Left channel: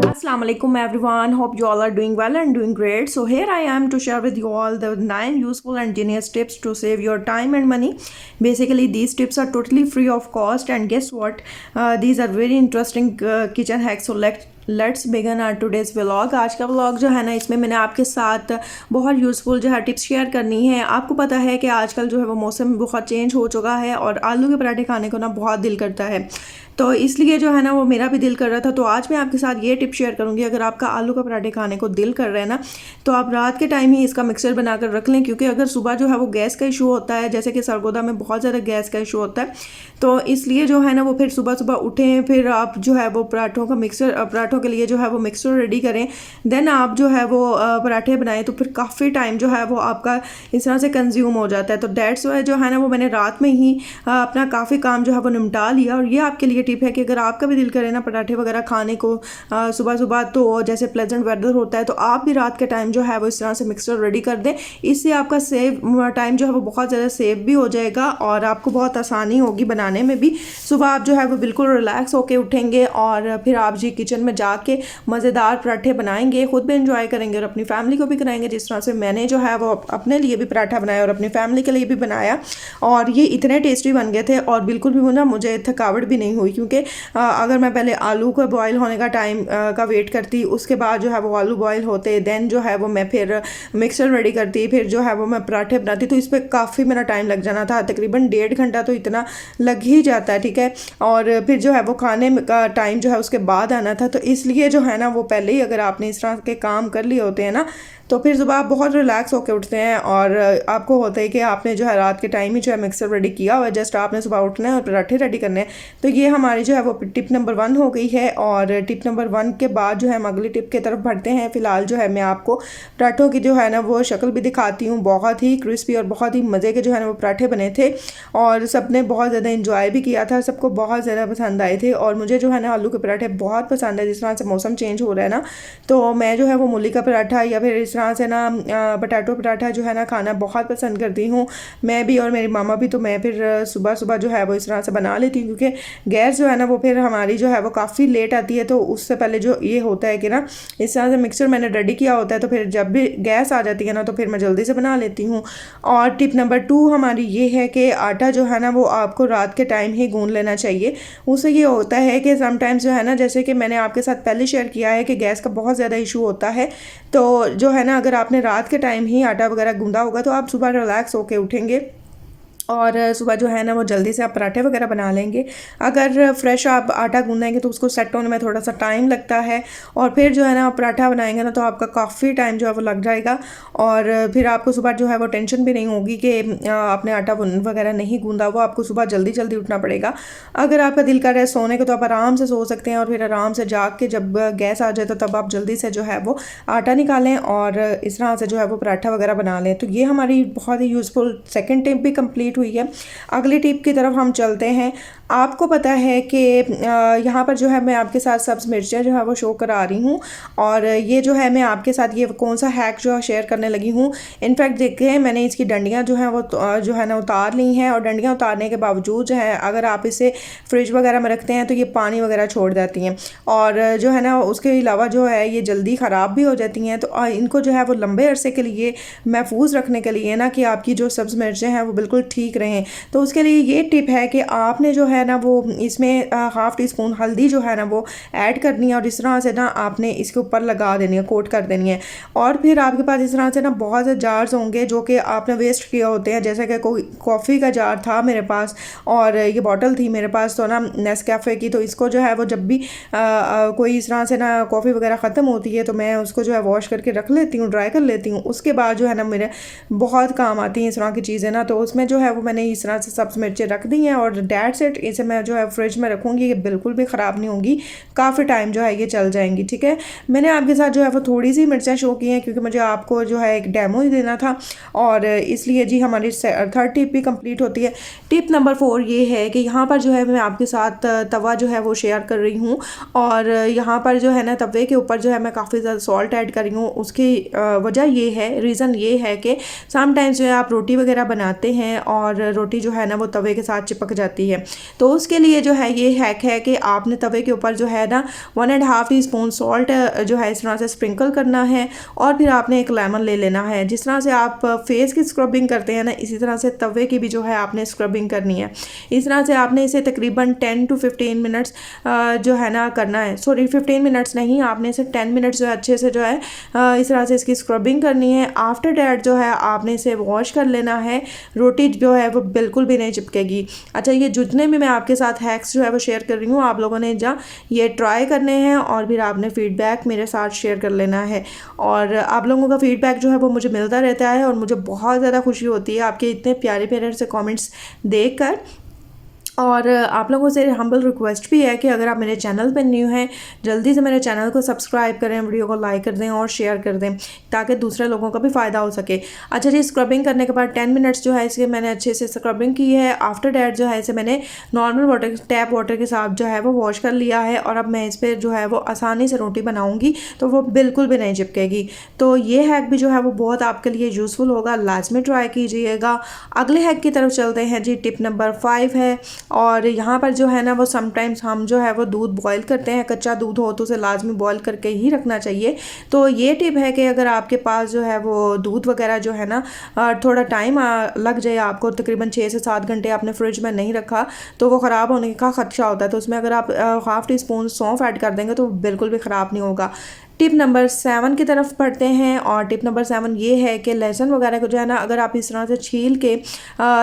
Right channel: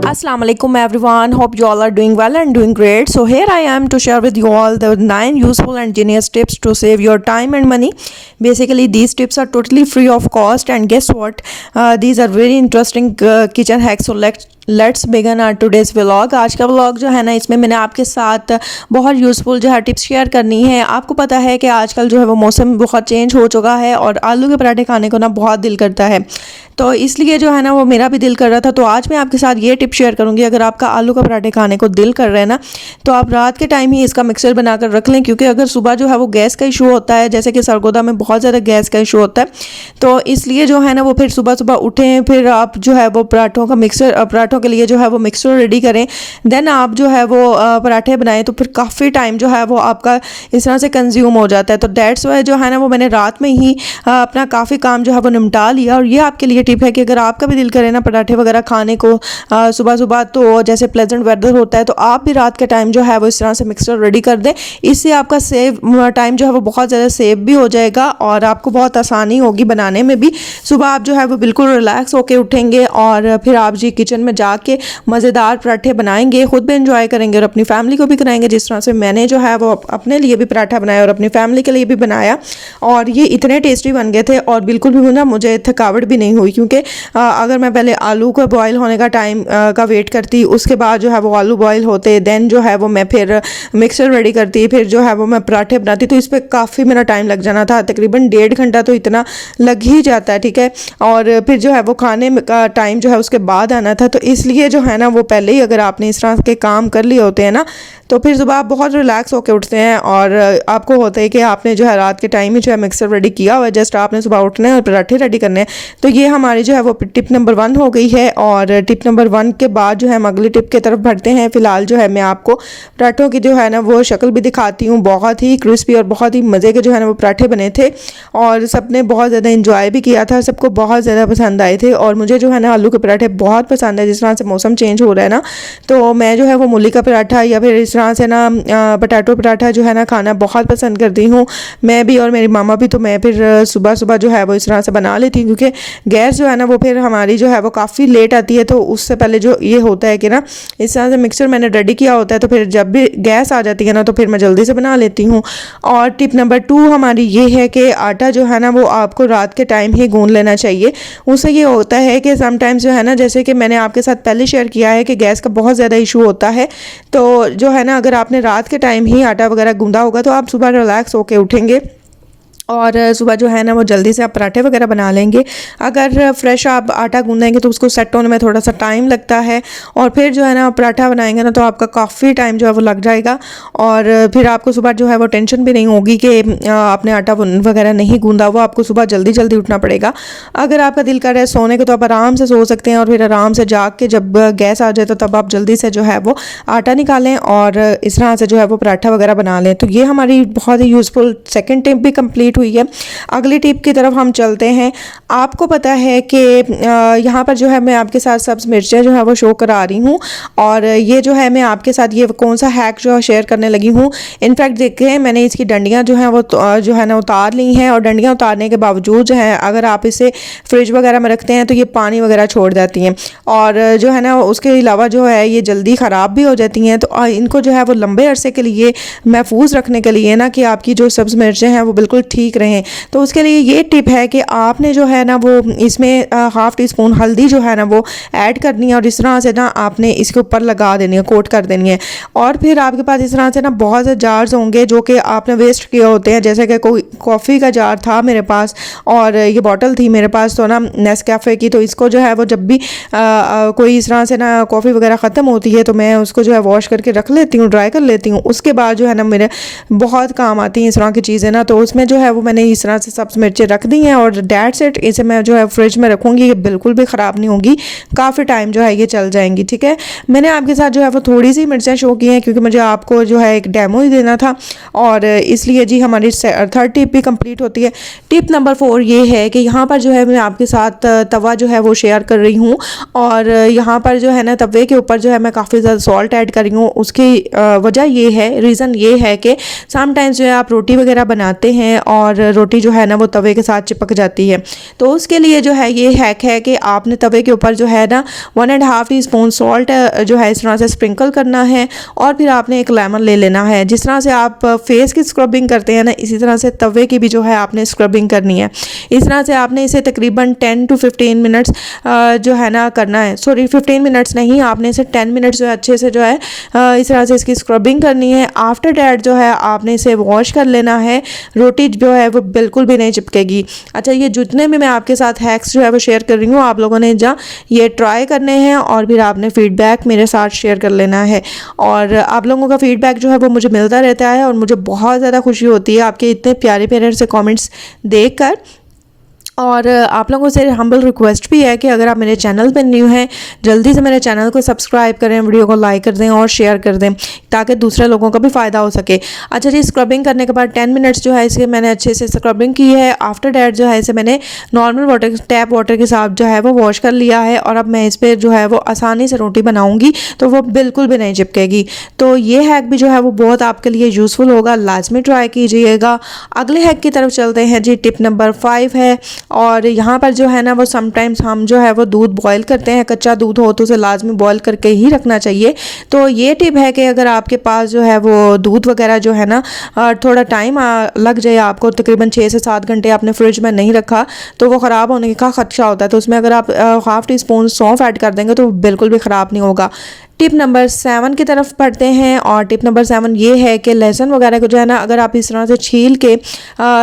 Assalamu alaikum everyone. Hope you all are doing well and doing great. So here I am to share with you all the 9 useful and genius tips to save your time and money. Basically these tips are totally free of cost, and guess what? These are very interesting kitchen hacks. So let's begin our today's vlog. आज का vlog जो है ना, इसमें मैंने आपके साथ बहुत यूज़फुल जो है टिप्स शेयर करनी है। आपको पता है कि आजकल जो है वो मौसम बहुत चेंज हो चुका है और आलू के पराठे खाने को ना बहुत दिल करता है, तो इसलिए जो है ना वो मेरा भी दिल कर रहा था। तो आज मैं आपके साथ ये टिप शेयर करूँगी। अगर आपका आलू का पराठे खाने को दिल कर रहा है ना, तो आप रात के टाइम ही इसका मिक्सर बनाकर रख लें, क्योंकि अगर सुबह जो है वो गैस का इशू होता है, जैसे कि सरगोदा में बहुत ज़्यादा गैस का इशू होता है, तो इसलिए जो है ना वो फिर सुबह सुबह उठें, फिर आप जो है वो पराठों के लिए जो है वो मिक्सर रेडी करें, देन आप जो है वो पराठे बनाएं, तो फिर काफ़ी टाइम जो है वो आपका इस तरह से कंज्यूम हो जाता है। तो दैट्स वाई जो है ना वो मैंने रात में ही अपना काफ़ी काम जो है वो निपटा लिया। और ये आपके लिए टिप है कि अगर आपका भी दिल करे ना पराठे वगैरह खाने को सुबह सुबह, तो जैसे प्लेजेंट वेदर होता है, तो आप भी रात के टाइम जो है वो इस तरह से मिक्सर रेडी कर दें। इससे आपका टाइम जो है वो बहुत ज़्यादा सेव भी हो जाएगा और आपको बहुत आसानी होगी बनाने में भी। सुबह आप जो है वो बिल्कुल रिलैक्स होकर उठेंगे और फिर आप जी किचन में जाके मज़ेदार पराठे बनाएंगे, खुद भी एंजॉय करेंगे और अपनी फैमिली को भी कराएंगे। जिस तरह से मैंने जो है वो अपने लिए भी पराठा बनाया और अपनी फैमिली के लिए भी बनाया, और ये इतने टेस्टी बन गए थे और बिल्कुल भी ना मुझे थकावट भी नहीं हुई, क्योंकि अगर मैं पहले आलू को बॉयल होने का टाइम का वेट करती, उसके बाद जो है वो आलू बॉयल होते, देन जो है वो मैं फिर मिक्सर रेडी करती, फिर जो है वो मैं पराठे बनाती, तो इस पर काफ़ी मेरा टाइम लग जाना था, तकरीबन 1.5 घंटा तो इतना लग ही जाता है, ठीक है। और फिर जो है वो खाने का टाइम जो है उसके बाद आना था, तो इसलिए जो है ना वो पहले ही अगर आपने इस तरह के काम कर लिए होते हैं ना, तो फिर सुबह आप बहुत रिलैक्स होकर उठते हैं और आपको होता है कि आपने जो है रात के टाइम ही जो है मिक्सर रेडी किया हुआ है, जस्ट आपने सुबह उठना है और पराठे रेडी करने हैं। तो ये हमारी जो है वो टिप नंबर 1 हो गई है। और टिप नंबर 1 के बाद जो है हम अगली टिप की तरफ बढ़ते हैं। फिलहाल जो है मैं आपको पराठों की जो है ना वो शक्ल भी दिखाती हूँ। बहुत ही क्रिस्पी और बहुत ही मज़े के जो है ना वो पराठे बने थे और सबने बहुत ज़्यादा इंजॉय भी किया था, सबको बहुत ज़्यादा पसंद आए थे। और मुझे जो है ना आलू के पराठे बहुत पसंद है। जिस तरह से मौसम चेंज हो रहा है ना, तो मैं जो है वो मूली का पराठा या फिर इस तरह से ना पोटैटो पराठा जो है ना खाना बहुत पसंद करती हूँ मैं भी और मेरी मामा भी। तो मैं फिर सुबह सुबह जो है वो इस तरह से बना लेती हूँ, क्योंकि गैस जो है ना वो फिर हमारी जो है वो काफ़ी लेट आती है, तो उससे पहले जो ये होता है कि ना इस तरह से मिक्सर मैंने रेडी किया होता है, तो फिर जब भी गैस आ जाती है ना तो फिर मैं जल्दी से बना लेती हूँ। और टिप नंबर 2 हमारी ये है कि आटा जो है ना वो आपको रात के टाइम ही गूंद लेना चाहिए। उससे ये होता है कि समटाइम्स जो है ना, जैसे कि मैंने आपके साथ पहले शेयर किया है कि गैस का बहुत ज़्यादा इशू होता है, तो जो है ना अगर आपने रात के टाइम ही आटा वगैरह गूंदा होगा तो आप सुबह रिलैक्स होके उठेंगे और सुबह जो है ना वो जल्दी से आप पराठे वगैरह बना लेंगे। अगर फ्रेश आप आटा गूंदेंगे तो उसको सेट होने में थोड़ा सा टाइम लगता है, और फिर जो है ना पराठा बनाएंगे ना तो आपका काफ़ी टाइम जो है वो लग जाएगा और फिर आपको सुबह जो है वो टेंशन भी नहीं होगी कि आपने आटा वगैरह नहीं गूंदा हुआ। आपको सुबह जल्दी जल्दी उठना पड़ेगा। अगर आपका दिल कर रहा है सोने को तो आप आराम से सो सकते हैं और फिर आराम से जाग के जब गैस आ जाए तो तब आप जल्दी से जो है वो आटा निकालें और इस तरह से जो है वो पराठा वगैरह बना लें। तो ये हमारी बहुत ही यूज़फुल सेकेंड टिप भी कम्प्लीट हुई है। अगली टिप की तरफ हम चलते हैं। आपको पता है कि यहाँ पर जो है मैं आपके साथ सब्ज़ मिर्चें जो है वो शो करा रही हूँ, और ये जो है मैं आपके साथ ये कौन सा हैक जो है शेयर करने लगी हूँ। इनफैक्ट देखें मैंने इसकी डंडियाँ जो हैं वो जो है ना उतार ली हैं, और डंडियाँ उतारने के बावजूद जो है अगर आप इसे फ्रिज वगैरह में रखते हैं तो ये पानी वगैरह छोड़ जाती हैं, और जो है ना उसके अलावा जो है ये जल्दी ख़राब भी हो जाती हैं। तो इनको जो है वो लंबे अरसे के लिए महफूज रखने के लिए ना कि आपकी जो सब्ज़ मिर्चें हैं वो बिल्कुल ठीक रहें, तो उसके लिए ये टिप है कि आपने जो है ना वो इसमें हाफ़ टी स्पून हल्दी जो है ना वो ऐड करनी है और इस तरह से ना आपने इसके ऊपर लगा देनी है, कोट कर देनी है। और फिर आपके पास इस तरह से ना बहुत से जार्स होंगे जो कि आपने वेस्ट किए होते हैं, जैसे कि कोई कॉफ़ी का जार था मेरे पास और ये बॉटल थी मेरे पास तो ना नेस्कैफ़े की, तो इसको जो है वो जब भी कोई इस तरह से ना कॉफ़ी वगैरह ख़त्म होती है तो मैं उसको जो है वॉश करके रख लेती हूँ, ड्राई कर लेती हूँ। उसके बाद जो है ना मेरे बहुत काम आती हैं इस तरह की चीज़ें ना, तो उसमें जो है वो मैंने इस तरह से सब्ज़ मिर्चें रख दी हैं और डेट्स इट। इसे मैं जो है फ्रिज में रखूँगी, ये बिल्कुल भी ख़राब नहीं होगी, काफ़ी टाइम जो है ये चल जाएंगी, ठीक है। मैंने आपके साथ जो है वो थोड़ी सी मिर्चें शो की हैं क्योंकि मुझे आपको जो है एक डेमो ही देना था, और इसलिए जी हमारी 3rd टिप भी कंप्लीट होती है। टिप नंबर 4 ये है कि यहाँ पर जो है मैं आपके साथ तवा जो है वो शेयर कर रही हूँ, और यहाँ पर जो है ना तवे के ऊपर जो है मैं काफ़ी ज़्यादा सॉल्ट ऐड कर रही हूँ। उसकी वजह ये है, रीज़न ये है कि समटाइम्स जो है आप रोटी वगैरह बनाते हैं और रोटी जो है ना वो तवे के साथ चिपक जाती है। तो उसके लिए जो है ये हैक है कि आपने तवे के ऊपर जो है ना 1.5 टीस्पून सॉल्ट जो है इस तरह से स्प्रिंकल करना है और फिर आपने एक लेमन ले लेना है। जिस तरह से आप फेस की स्क्रबिंग करते हैं ना, इसी तरह से तवे की भी जो है आपने स्क्रबिंग करनी है। इस तरह से आपने इसे तकरीबन 10 to 15 मिनट्स जो है ना करना है। सॉरी 15 मिनट्स नहीं, आपने इसे 10 मिनट्स जो है अच्छे से जो है इस तरह से इसकी स्क्रबिंग करनी है। आफ्टर डैट जो है आपने इसे वॉश कर लेना है। रोटी जो है वो बिल्कुल भी नहीं चिपकेगी। अच्छा, ये जितने भी मैं आपके साथ हैक्स जो है वो शेयर कर रही हूँ, आप लोगों ने जा ये ट्राई करने हैं और फिर आपने फीडबैक मेरे साथ शेयर कर लेना है। और आप लोगों का फीडबैक जो है वो मुझे मिलता रहता है और मुझे बहुत ज़्यादा खुशी होती है आपके इतने प्यारे प्यारे से कमेंट्स देखकर। और आप लोगों से हम्बल रिक्वेस्ट भी है कि अगर आप मेरे चैनल पर न्यू हैं, जल्दी से मेरे चैनल को सब्सक्राइब करें, वीडियो को लाइक कर दें और शेयर कर दें ताकि दूसरे लोगों का भी फ़ायदा हो सके। अच्छा जी, स्क्रबिंग करने के बाद 10 मिनट्स जो है इसके मैंने अच्छे से स्क्रबिंग की है। आफ्टर डैट जो है इसे मैंने नॉर्मल वाटर, टैप वाटर के साथ जो है वो वॉश कर लिया है और अब मैं इस पर जो है वो आसानी से रोटी बनाऊँगी तो वो बिल्कुल भी नहीं चिपकेगी। तो ये हैक भी जो है वो बहुत आपके लिए यूज़फुल होगा, लाजमी ट्राई कीजिएगा। अगले हैक की तरफ चलते हैं जी। टिप नंबर 5 है और यहाँ पर जो है ना वो समटाइम्स हम जो है वो दूध बॉईल करते हैं, कच्चा दूध हो तो उसे लाजमी बॉईल करके ही रखना चाहिए। तो ये टिप है कि अगर आपके पास जो है वो दूध वगैरह जो है ना थोड़ा टाइम लग जाए, आपको तकरीबन 6 से 7 घंटे आपने फ्रिज में नहीं रखा तो वो ख़राब होने का खदशा होता है। तो उसमें अगर आप हाफ़ टी स्पून सौंफ ऐड कर देंगे तो बिल्कुल भी ख़राब नहीं होगा। टिप नंबर 7 की तरफ पढ़ते हैं और टिप नंबर 7 ये है कि लहसुन वगैरह को जो है ना अगर आप इस तरह से छील के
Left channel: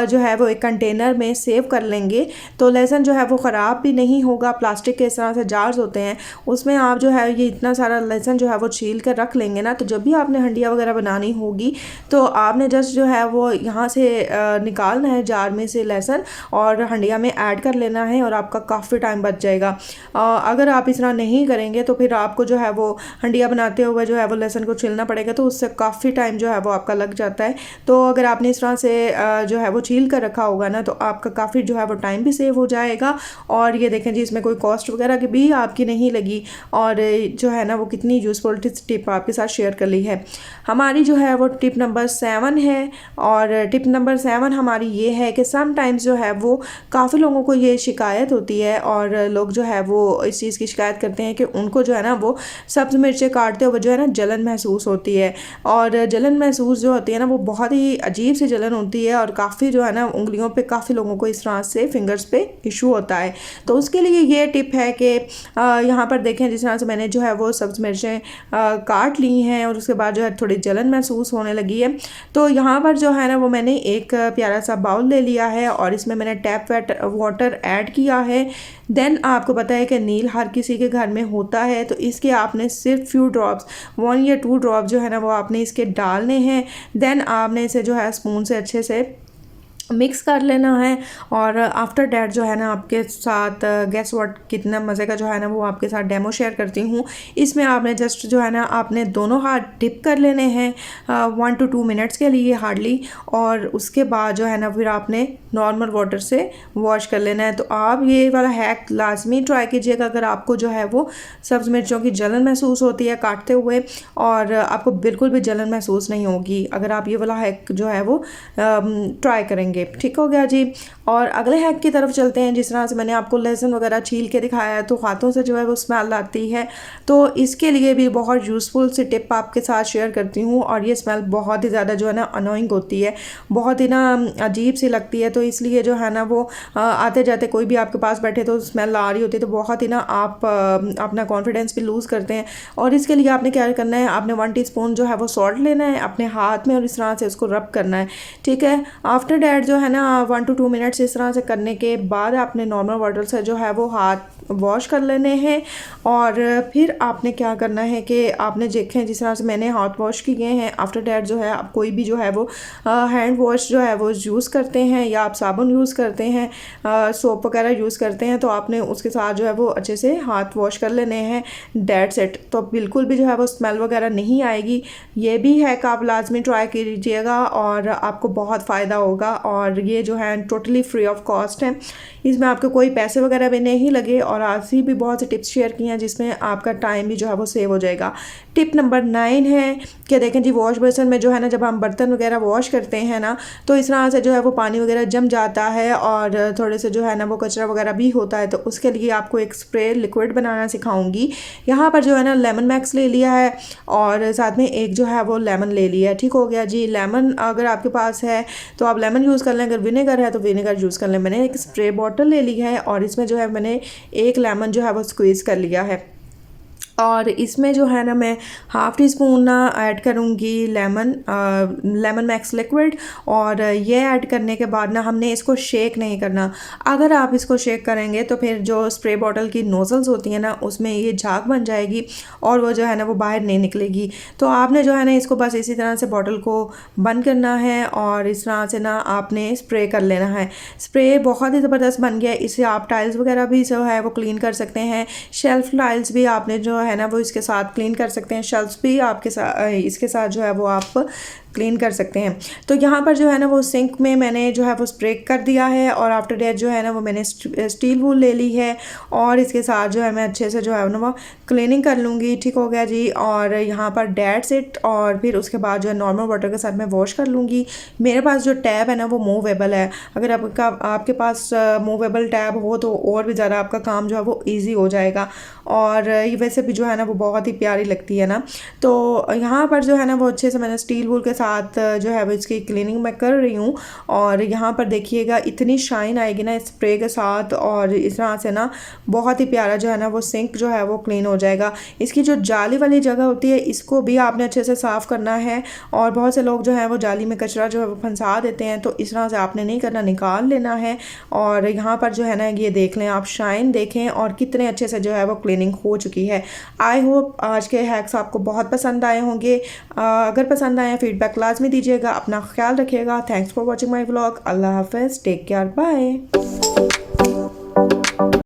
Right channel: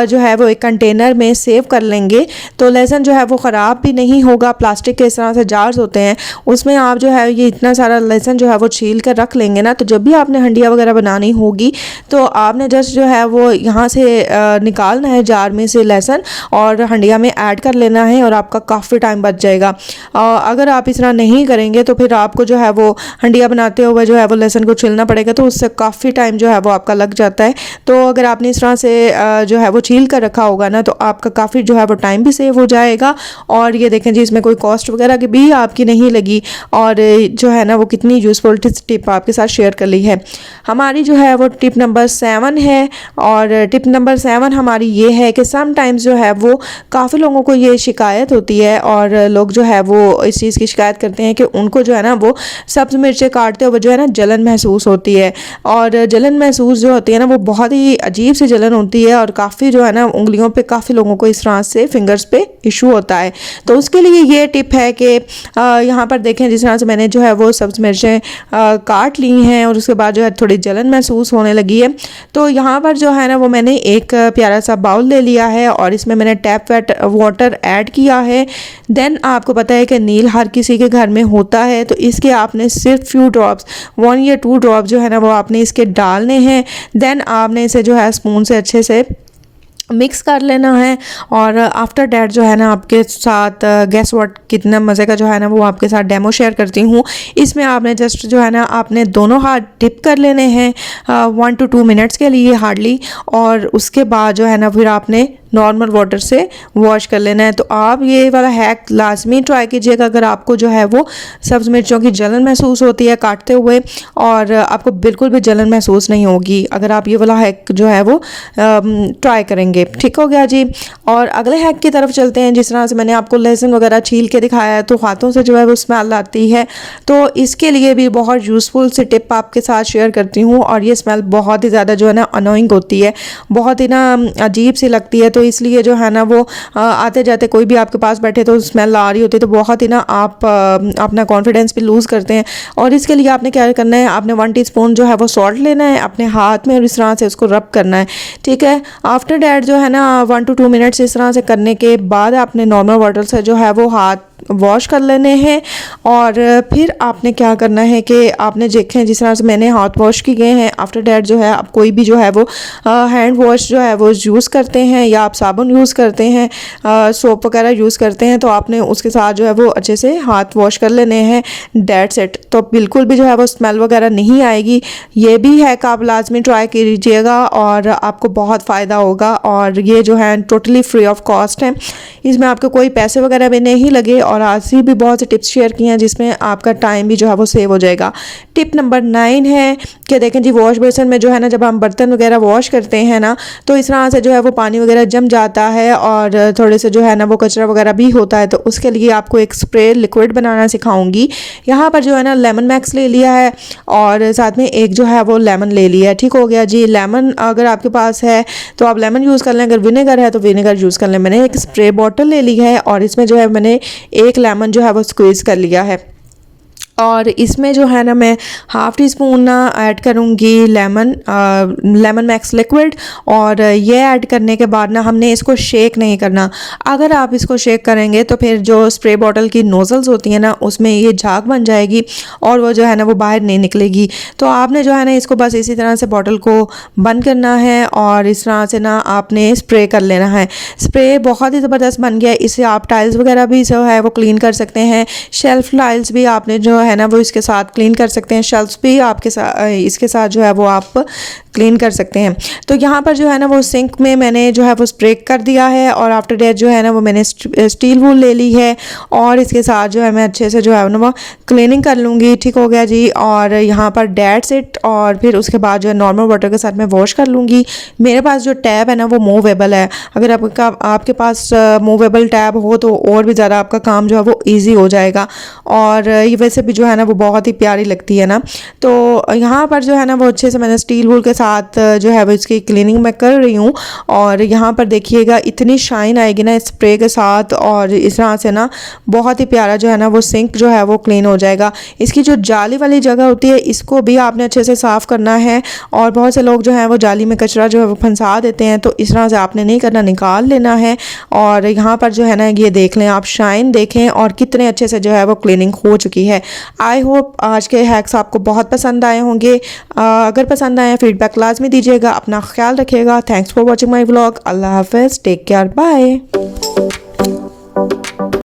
जो है वो एक कंटेनर में सेव कर लेंगे तो लहसुन जो है वो ख़राब भी नहीं होगा। प्लास्टिक के इस तरह से जार्स होते हैं, उसमें आप जो है ये इतना सारा लहसुन जो है वो छील कर रख लेंगे ना, तो जब भी आपने हंडिया वगैरह बनानी होगी तो आपने जस्ट जो है वो यहाँ से निकालना है जार में से लहसुन और हंडिया में ऐड कर लेना है और आपका काफ़ी टाइम बच जाएगा। अगर आप इस तरह नहीं करेंगे तो फिर आपको जो है वो हंडिया बनाते हुए जो है वो लहसुन को छीलना पड़ेगा, तो उससे काफ़ी टाइम जो है वो आपका लग जाता है। तो अगर आपने इस तरह से जो है वो छील कर रखा होगा ना तो आपका काफ़ी जो है वो टाइम भी सेव हो जाएगा। और ये देखें जी, इसमें कोई कॉस्ट वगैरह की भी आपकी नहीं लगी और जो है ना वो कितनी यूज़फुल टिप आपके साथ शेयर कर ली है। हमारी जो है वो टिप नंबर 7 है और टिप नंबर 7 हमारी ये है कि समटाइम्स जो है वो काफ़ी लोगों को ये शिकायत होती है और लोग जो है वो इस चीज़ की शिकायत करते हैं कि उनको जो है ना वो सब्ज़ मिर्चें काटते हुए जो है ना जलन महसूस होती है। और जलन महसूस जो होती है ना वो बहुत ही अजीब सी जलन होती है और काफ़ी जो है ना उंगलियों पे काफ़ी लोगों को इस तरह से फिंगर्स पे इशू होता है। तो उसके लिए ये टिप है कि यहाँ पर देखें जिस तरह से मैंने जो है वो सब्ज़ मिर्चें काट ली हैं और उसके बाद जो है थोड़ी जलन महसूस होने लगी है। तो यहाँ पर जो है ना वो मैंने एक प्यारा सा बाउल ले लिया है और इसमें मैंने टैप वाटर ऐड किया है। देन आपको पता है कि नील हर किसी के घर में होता है, तो इसके आपने सिर्फ फ्यू ड्रॉप्स 1 या 2 ड्रॉप जो है ना वो आपने इसके डालने हैं। देन आपने इसे जो है स्पून से अच्छे से मिक्स कर लेना है और आफ्टर डैट जो है ना आपके साथ गेस व्हाट कितना मज़े का जो है ना वो आपके साथ डेमो शेयर करती हूँ। इसमें आपने जस्ट जो है ना आपने दोनों हाथ डिप कर लेने हैं 1 to 2 मिनट्स के लिए हार्डली, और उसके बाद जो है ना फिर आपने नॉर्मल वाटर से वॉश कर लेना है। तो आप ये वाला हैक लाजमी ट्राई कीजिएगा अगर आपको जो है वो सब्ज़ मिर्चों की जलन महसूस होती है काटते हुए, और आपको बिल्कुल भी जलन महसूस नहीं होगी अगर आप ये वाला हैक जो है वो ट्राई करेंगे। ठीक हो गया जी। और अगले हैक की तरफ चलते हैं। जिस तरह से मैंने आपको लहसुन वगैरह छील के दिखाया है तो हाथों से जो है वो स्मेल आती है, तो इसके लिए भी बहुत यूज़फुल सी टिप आपके साथ शेयर करती हूँ। और ये स्मेल बहुत ही ज़्यादा जो है ना अनोइंग होती है, बहुत ही ना अजीब सी लगती है, तो इसलिए जो है ना वो आते जाते कोई भी आपके पास बैठे तो स्मेल आ रही होती है तो बहुत ही ना आप अपना कॉन्फिडेंस भी लूज़ करते हैं। और इसके लिए आपने क्या करना है, आपने 1 टीस्पून जो है वो सॉल्ट लेना है अपने हाथ में और इस तरह से उसको रब करना है। ठीक है। आफ्टर डैट जो है ना 1 to 2 मिनट्स इस तरह से करने के बाद आपने नॉर्मल वाटर से जो है वो हाथ वॉश कर लेने हैं। और फिर आपने क्या करना है कि आपने देखें जिस तरह से मैंने हाथ वॉश किए हैं, आफ्टर डैट जो है आप कोई भी जो है वो हैंड वॉश जो है वो यूज़ करते हैं या आप साबुन यूज़ करते हैं, सोप वगैरह यूज़ करते हैं, तो आपने उसके साथ जो है वो अच्छे से हाथ वॉश कर लेने हैं। That's it. तो बिल्कुल भी जो है वो स्मेल वगैरह नहीं आएगी। ये भी हैक आप लाजमी ट्राई कीजिएगा और आपको बहुत फ़ायदा होगा। और ये जो है टोटली फ्री ऑफ कॉस्ट है, इसमें आपके कोई पैसे वगैरह भी नहीं लगे और और आज ही भी बहुत से टिप्स शेयर किए हैं जिसमें आपका टाइम भी जो है वो सेव हो जाएगा। टिप नंबर 9 है कि देखें जी, वॉश बेसिन में जो है ना, जब हम बर्तन वगैरह वॉश करते हैं ना, तो इस तरह से जो है वो पानी वगैरह जम जाता है और थोड़े से जो है ना वो कचरा वगैरह भी होता है। तो उसके लिए आपको एक स्प्रे लिक्विड बनाना सिखाऊंगी। यहाँ पर जो है ना लेमन मैक्स ले लिया है और साथ में एक जो है वो लेमन ले लिया है। ठीक हो गया जी। लेमन अगर आपके पास है तो आप लेमन यूज़ कर लें, अगर विनेगर है तो विनेगर यूज़ कर लें। मैंने एक स्प्रे बॉटल ले ली है और इसमें जो है मैंने एक लेमन जो है वो स्क्वीज़ कर लिया है और इसमें जो है ना मैं हाफ़ टी स्पून ना ऐड करूँगी लेमन मैक्स लिक्विड। और ये ऐड करने के बाद ना हमने इसको शेक नहीं करना। अगर आप इसको शेक करेंगे तो फिर जो स्प्रे बॉटल की नोज़ल्स होती हैं ना, उसमें ये झाग बन जाएगी और वो जो है ना वो बाहर नहीं निकलेगी। तो आपने जो है ना इसको बस इसी तरह से बॉटल को बंद करना है और इस तरह से ना आपने स्प्रे कर लेना है। स्प्रे बहुत ही ज़बरदस्त बन गया है। इससे आप टाइल्स वगैरह भी जो है वो क्लीन कर सकते हैं। शेल्फ टाइल्स भी आपने जो है ना वो इसके साथ क्लीन कर सकते हैं। शेल्फ्स भी आपके साथ इसके साथ जो है वो आप क्लीन कर सकते हैं। तो यहाँ पर जो है ना वो सिंक में मैंने जो है वो स्प्रे कर दिया है और आफ्टर डेट जो है ना वो मैंने स्टील वूल ले ली है और इसके साथ जो है मैं अच्छे से जो है ना वो क्लीनिंग कर लूँगी। ठीक हो गया जी। और यहाँ पर डेट्स इट। और फिर उसके बाद जो है नॉर्मल वाटर के साथ मैं वॉश कर लूँगी। मेरे पास जो टैब है ना वो मूवेबल है। अगर आपके पास मूवेबल टैब हो तो और भी ज़्यादा आपका काम जो है वो ईजी हो जाएगा। और ये वैसे भी जो है ना वो बहुत ही प्यारी लगती है ना। तो यहाँ पर जो है ना वो अच्छे से मैंने स्टील वूल के साथ जो है वो इसकी क्लीनिंग मैं कर रही हूँ। और यहाँ पर देखिएगा इतनी शाइन आएगी ना स्प्रे के साथ और इस तरह से ना बहुत ही प्यारा जो है ना वो सिंक जो है वो क्लीन हो जाएगा। इसकी जो जाली वाली जगह होती है इसको भी आपने अच्छे से साफ़ करना है। और बहुत से लोग जो है वो जाली में कचरा जो है वो फंसा देते हैं, तो इस तरह से आपने नहीं करना, निकाल लेना है। और यहाँ पर जो है ना ये देख लें आप, शाइन देखें और कितने अच्छे से जो है वो क्लीनिंग हो चुकी है। आई होप आज के हैक्स आपको बहुत पसंद आए होंगे। अगर पसंद आए फीडबैक लाजमी दीजिएगा। अपना ख्याल रखिएगा। Thanks for watching my vlog. अल्लाह हाफिज़। Take care. बाय।